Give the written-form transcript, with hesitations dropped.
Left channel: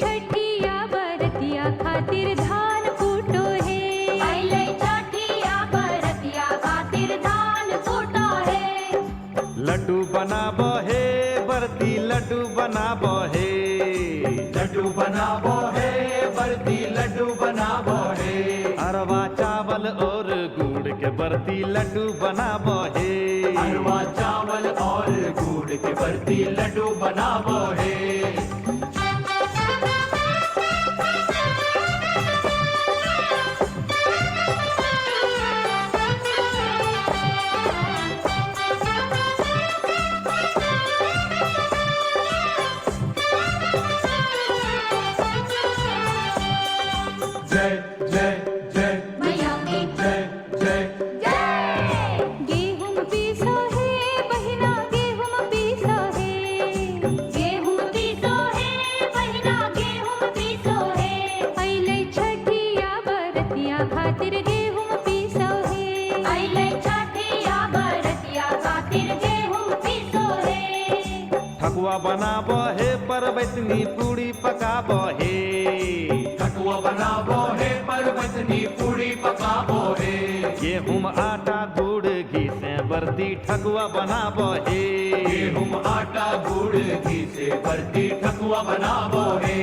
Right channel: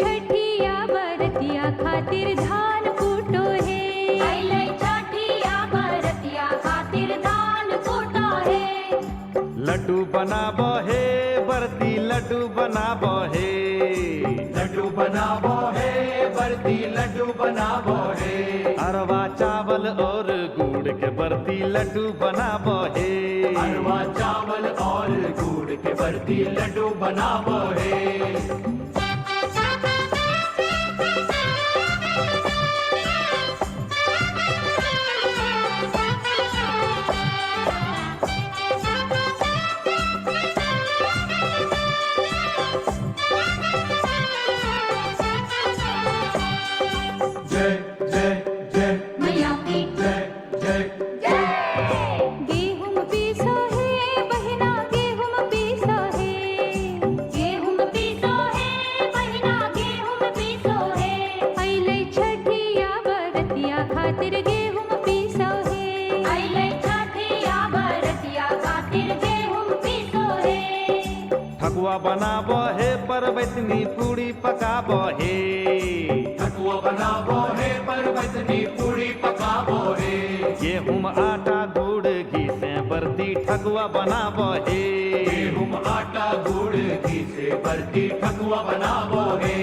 छठिया बरतिया खातिर धान कूटो है। अइले छठिया बरतिया खातिर धान कूटो है। लड्डू बनाबो हे बरती लड्डू बनाबो हे। लड्डू बनाबो है बरती लड्डू बनाबो है। अरवा चावल और गुड़ के बरती लड्डू बनाबो हे। अरवा चावल और गुड़ के बरती लड्डू बनाबो है। जय जय जय मैया की जय जय जय। गेहूं पीसो है बहिना गेहूं पीसो है। गेहूं पीसो है बहिना गेहूं पीसो है। अइले छठिया बरतिया खातिर गेहूं पीसो है। अइले छठिया बरतिया खातिर गेहूं पीसो है। ठकुआ बनाबो हे परवैतनी पूड़ी पकाबो हे। ठकुआ बनाबो है परवतनी पूरी पकाबो है। गेहूं आटा गुड़ घी से बरती ठकुआ बनाबो हे। गेहूं आटा गुड़ घी से बरती ठकुआ बनाबो है।